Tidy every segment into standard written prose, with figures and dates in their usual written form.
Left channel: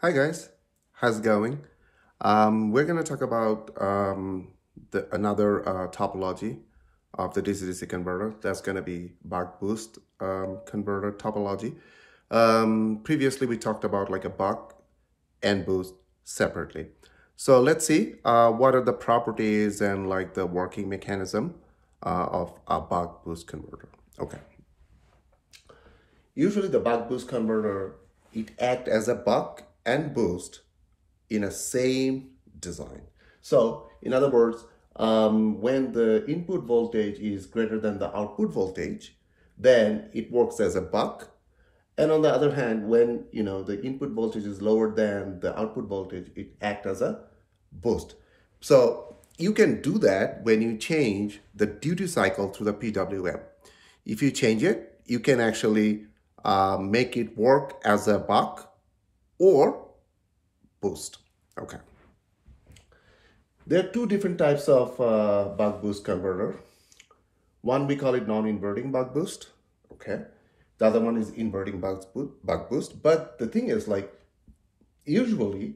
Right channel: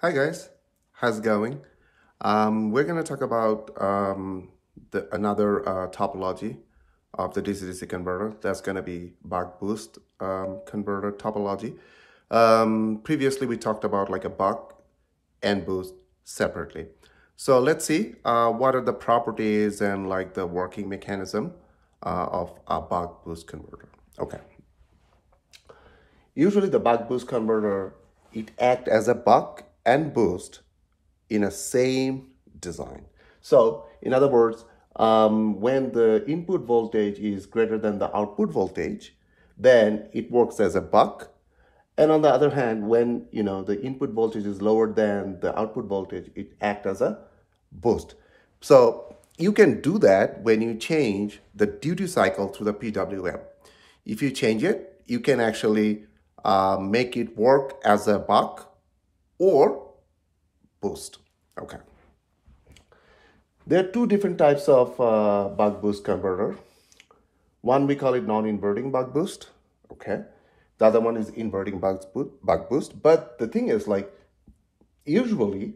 Hi guys, how's it going? We're going to talk about another topology of the DC-DC converter. That's going to be BuckBoost converter topology. Previously, we talked about like a buck and boost separately. So let's see what are the properties and like the working mechanism of a BuckBoost converter. Okay. Usually the BuckBoost converter, it acts as a buck and boost in a same design. So in other words, when the input voltage is greater than the output voltage, then it works as a buck. And on the other hand, when the input voltage is lower than the output voltage, it acts as a boost. So you can do that when you change the duty cycle to the PWM. If you change it, you can actually make it work as a buck or boost. Okay. There are two different types of buck boost converter. One, we call it non-inverting buck boost. Okay. The other one is inverting buck boost. But the thing is, like, usually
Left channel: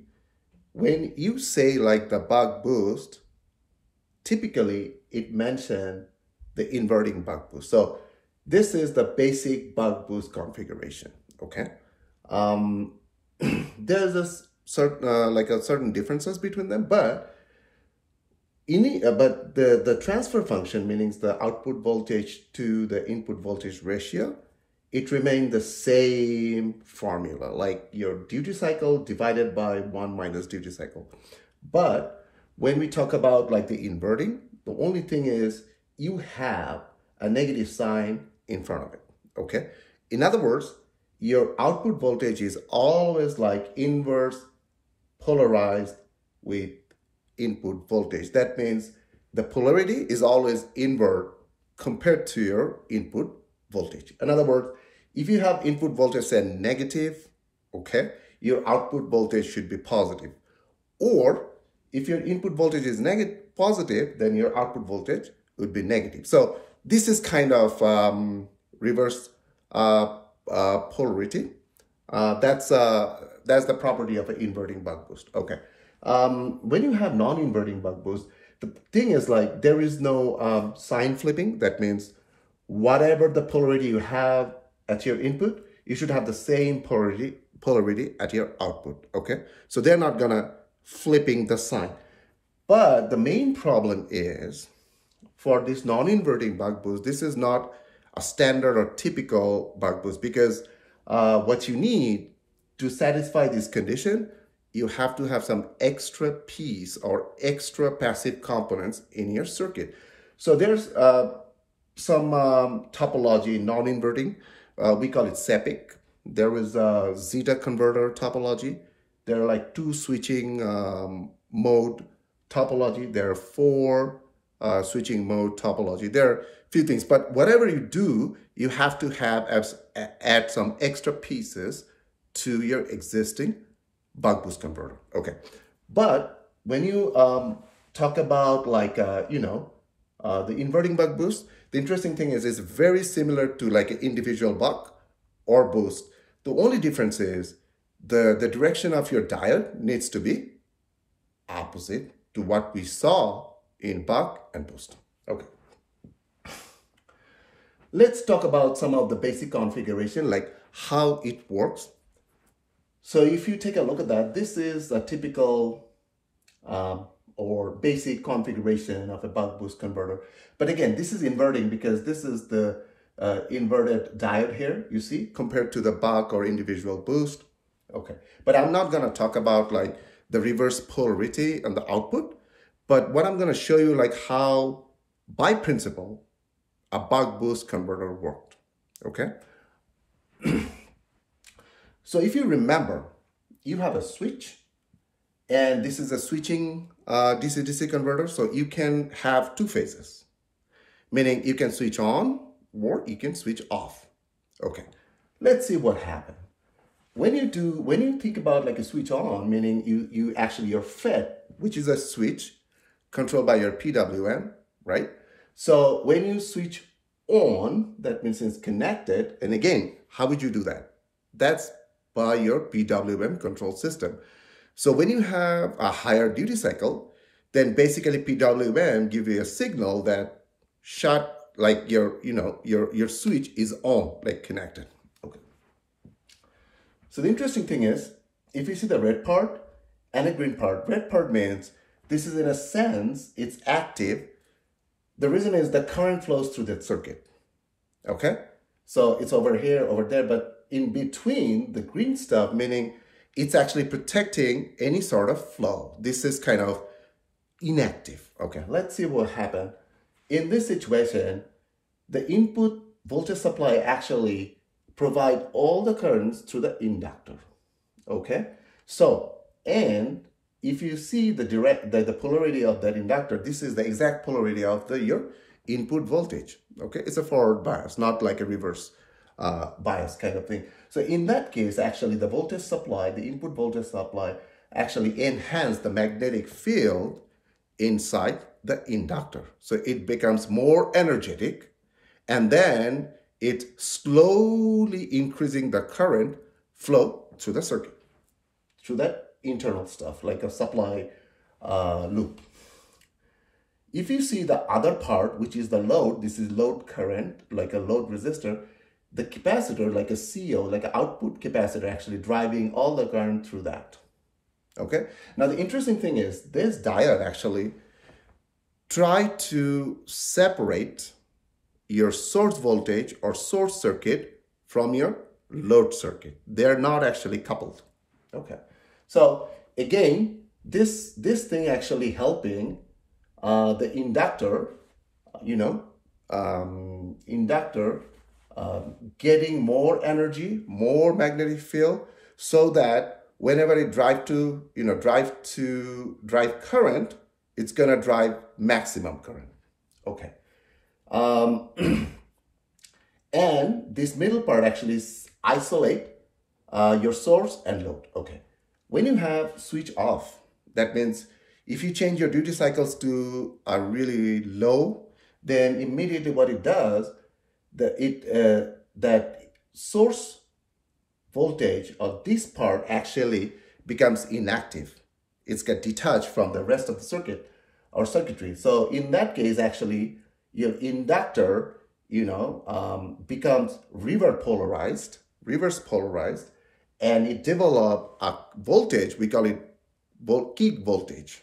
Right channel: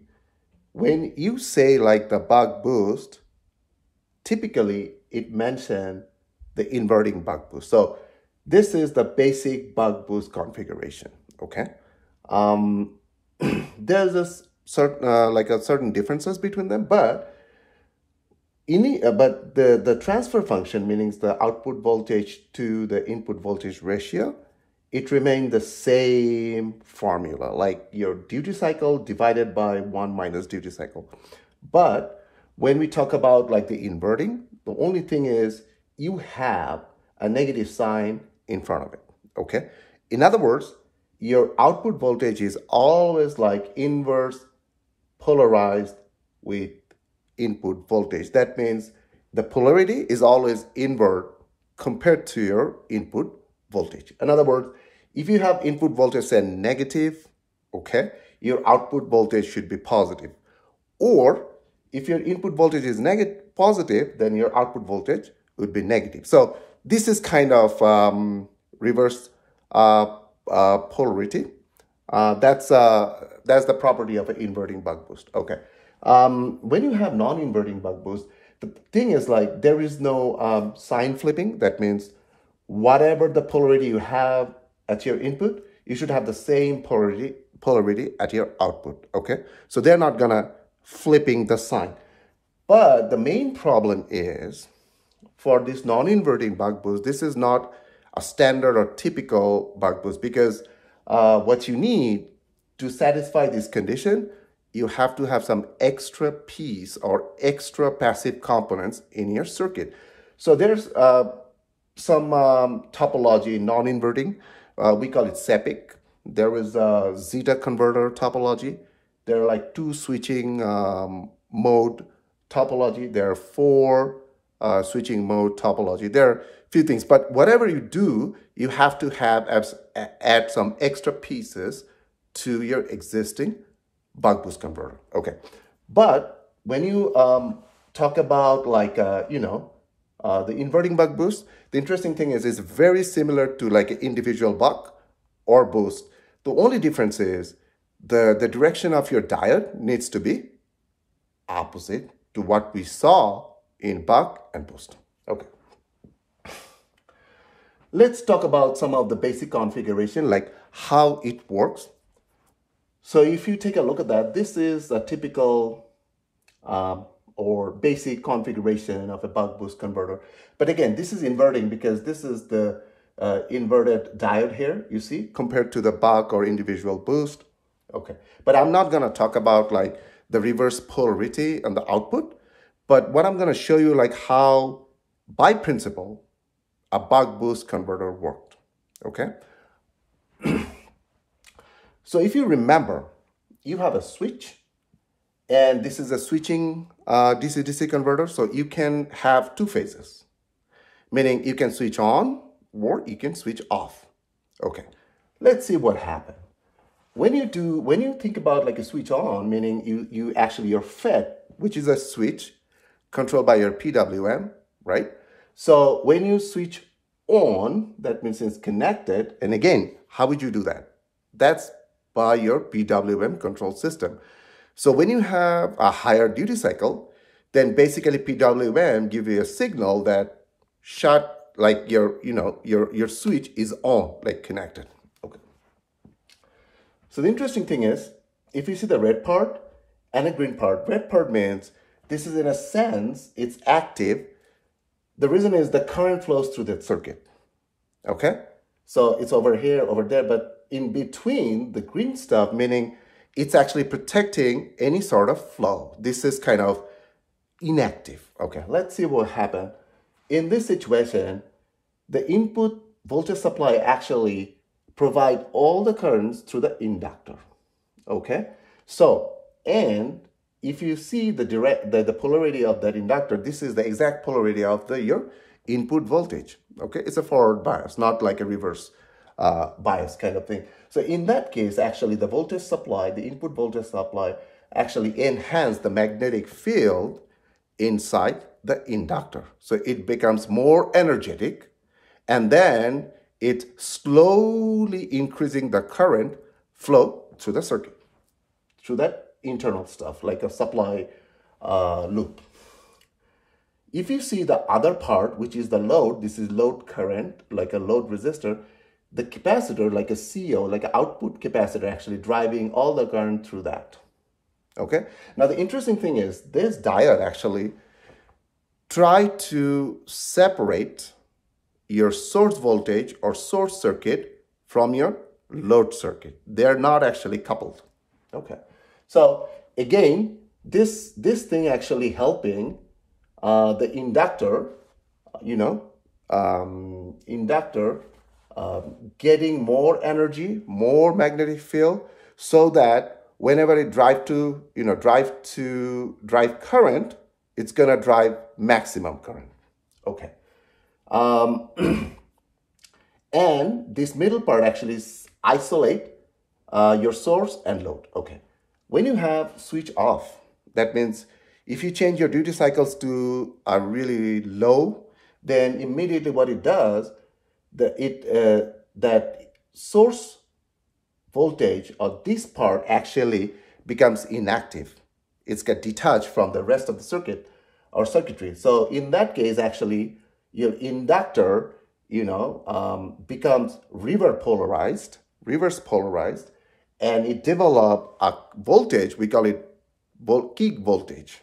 when you say like the buck boost, typically it mentions the inverting buck boost. So this is the basic buck boost configuration. Okay. There's a certain differences between them, but the transfer function, meaning the output voltage to the input voltage ratio, it remains the same formula, like your duty cycle divided by 1 minus duty cycle. But when we talk about like the inverting, the only thing is you have a negative sign in front of it. Okay. In other words, your output voltage is always like inverse polarized with input voltage. That means the polarity is always invert compared to your input voltage. In other words, if you have input voltage say negative, okay, your output voltage should be positive. Or if your input voltage is positive, then your output voltage would be negative. So this is kind of reverse polarity. That's the property of an inverting buck boost. Okay. When you have non-inverting buck boost, the thing is like there is no sign flipping. That means whatever the polarity you have at your input, you should have the same polarity at your output. Okay. So they're not gonna flipping the sign. But the main problem is for this non-inverting buck boost, this is not a standard or typical buck boost, because what you need to satisfy this condition, you have to have some extra piece or extra passive components in your circuit. So there's some topology non-inverting. We call it SEPIC. There is a zeta converter topology. There are like 2 switching mode topology. There are 4 switching mode topology. There are a few things, but whatever you do, you have to add some extra pieces to your existing buck boost converter. Okay. But when you talk about like, the inverting buck boost, the interesting thing is it's very similar to like an individual buck or boost. The only difference is the direction of your diode needs to be opposite to what we saw in buck and boost. Okay. Let's talk about some of the basic configuration, like how it works. So if you take a look at that, this is a typical or basic configuration of a buck boost converter. But again, this is inverting because this is the inverted diode here, you see, compared to the buck or individual boost. Okay, but I'm not going to talk about like the reverse polarity and the output. But what I'm going to show you like how, by principle, a buck boost converter worked. Okay. So if you remember, you have a switch, and this is a switching DC-DC converter. So you can have 2 phases, meaning you can switch on or you can switch off. Okay, let's see what happened. When you think about like a switch on, meaning your FET, which is a switch controlled by your PWM, right? So when you switch on, that means it's connected. And again, how would you do that? That's by your PWM control system. So when you have a higher duty cycle, then basically PWM give you a signal that like your switch is on, like connected. Okay. So the interesting thing is, if you see the red part and a green part, red part means this is, in a sense, it's active. The reason is the current flows through that circuit. Okay. So it's over here, over there, but in between the green stuff, meaning it's actually protecting any sort of flow. This is kind of inactive. Okay, let's see what happened. In this situation, the input voltage supply actually provide all the currents through the inductor. Okay, so, and if you see the polarity of that inductor, this is the exact polarity of your input voltage. Okay, it's a forward bias, not like a reverse bias kind of thing. So in that case, actually the voltage supply, the input voltage supply actually enhance the magnetic field inside the inductor. So it becomes more energetic, and then it slowly increasing the current flow through the circuit, through that internal stuff, like a supply loop. If you see the other part, which is the load, this is load current, like a load resistor, the capacitor, like a CO, like an output capacitor, actually driving all the current through that. Okay. Now, the interesting thing is this diode actually try to separate your source voltage or source circuit from your load circuit. They're not actually coupled. Okay. So again, this thing actually helping the inductor, getting more energy, more magnetic field, so that whenever it drive current, it's gonna drive maximum current. Okay. And this middle part actually isolate your source and load. Okay. When you have switch off, that means if you change your duty cycles to a really low, then immediately what it does, that source voltage or this part actually becomes inactive. It's get detached from the rest of the circuit or circuitry. So in that case, actually, your inductor, becomes reverse polarized, and it develop a voltage. We call it kick voltage.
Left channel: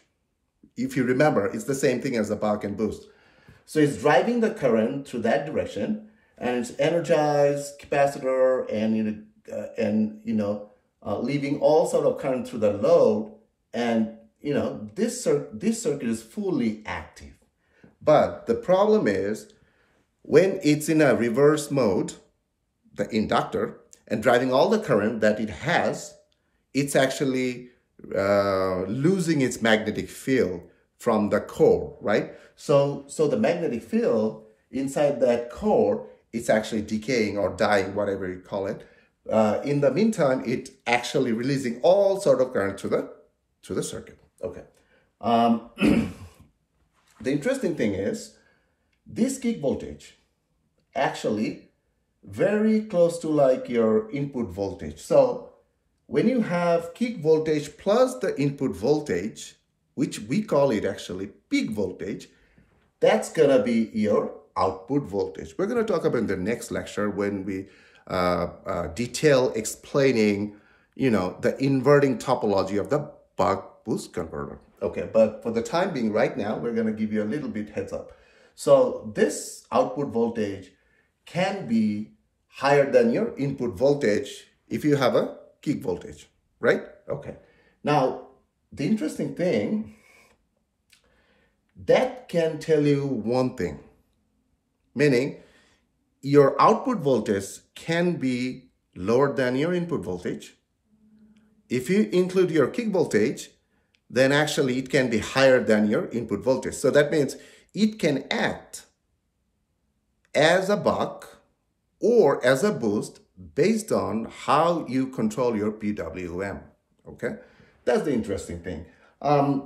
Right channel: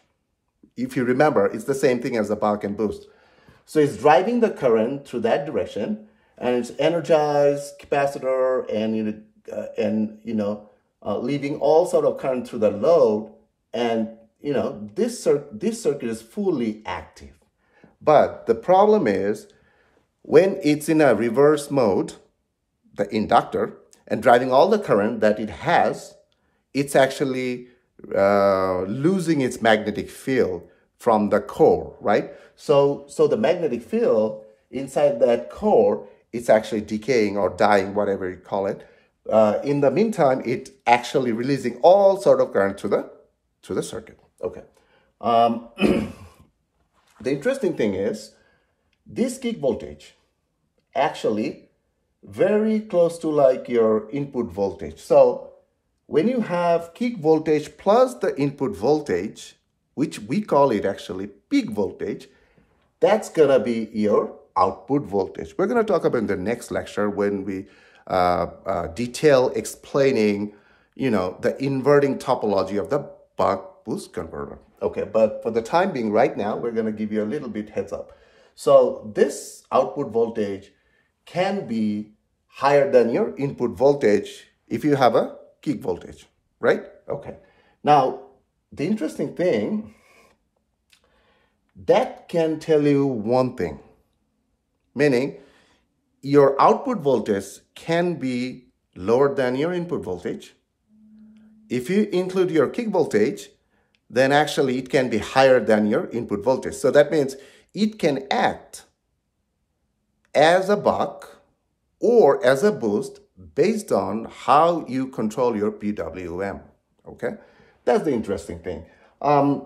If you remember, it's the same thing as a buck and boost. So it's driving the current through that direction, and it's energized capacitor, and leaving all sort of current through the load, and this circuit is fully active. But the problem is when it's in a reverse mode, the inductor, and driving all the current that it has, it's actually losing its magnetic field from the core, right? So the magnetic field inside that core, it's actually decaying or dying, whatever you call it. In the meantime, it actually releasing all sort of current to the circuit. Okay. The interesting thing is this kick voltage actually very close to like your input voltage. So when you have kick voltage plus the input voltage, which we call it actually peak voltage, that's gonna be your output voltage. We're gonna talk about in the next lecture when we detail explaining, the inverting topology of the BuckBoost converter. Okay, but for the time being right now, we're gonna give you a little bit heads up. So this output voltage can be higher than your input voltage if you have a kick voltage, right? Okay. Now, the interesting thing, that can tell you one thing, meaning your output voltage can be lower than your input voltage. If you include your kick voltage, then actually it can be higher than your input voltage. So that means it can act as a buck or as a boost based on how you control your PWM, okay? That's the interesting thing.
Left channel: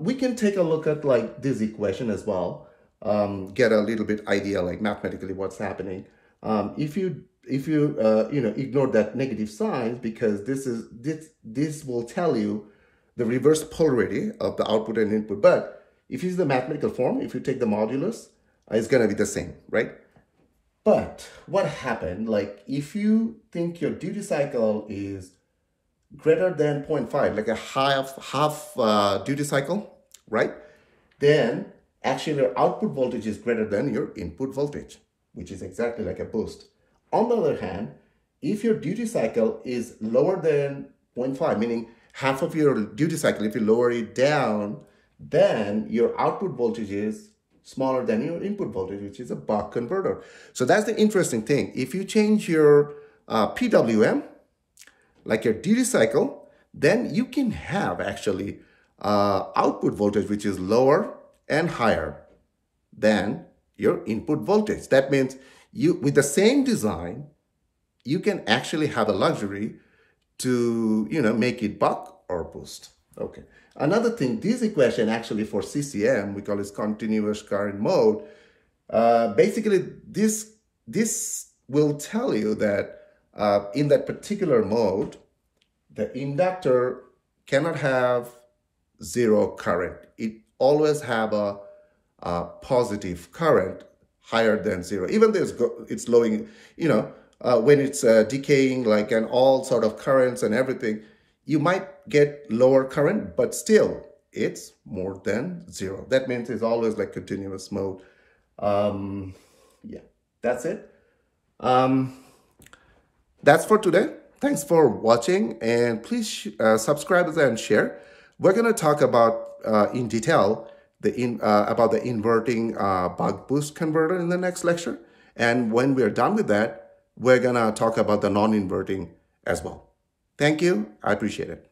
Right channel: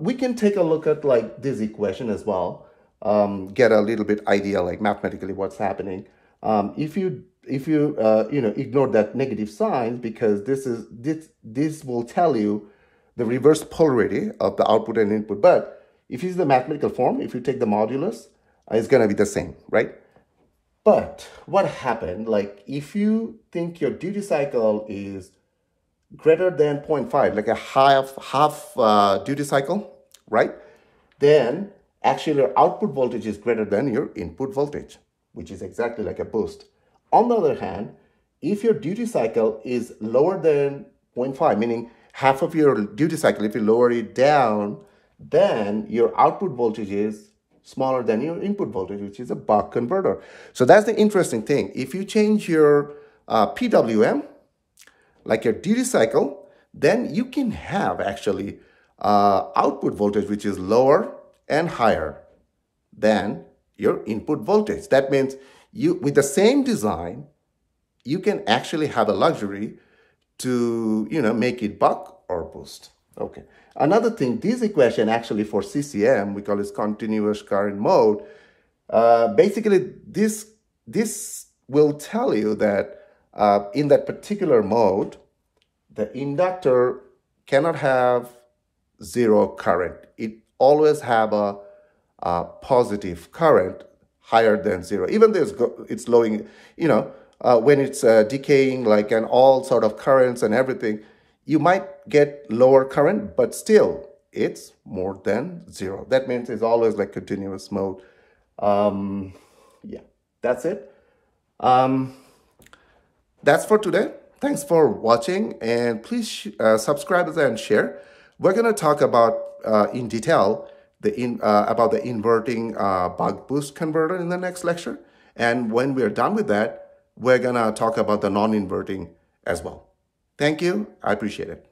We can take a look at like this equation as well, get a little bit idea like mathematically what's happening. If you if you ignore that negative sign, because this will tell you the reverse polarity of the output and input. But if you use the mathematical form, if you take the modulus, it's going to be the same, right? But what happened, like if you think your duty cycle is greater than 0.5, like a half duty cycle, right? Then actually your output voltage is greater than your input voltage, which is exactly like a boost. On the other hand, if your duty cycle is lower than 0.5, meaning half of your duty cycle, if you lower it down, then your output voltage is smaller than your input voltage, which is a buck converter. So that's the interesting thing. If you change your PWM, like your duty cycle, then you can have actually output voltage which is lower and higher than your input voltage. That means you, with the same design, you can actually have a luxury to, make it buck or boost. Okay. Another thing, this equation actually for CCM, we call it continuous current mode. Basically, this will tell you that in that particular mode, the inductor cannot have zero current. It always have a positive current higher than zero. Even though it's lowing, when it's decaying, like, and all sort of currents and everything, you might get lower current, but still it's more than zero. That means it's always like continuous mode. Yeah, that's it. That's for today. Thanks for watching, and please subscribe and share. We're going to talk about in detail about the inverting BuckBoost converter in the next lecture. And when we're done with that, we're going to talk about the non-inverting as well. Thank you. I appreciate it.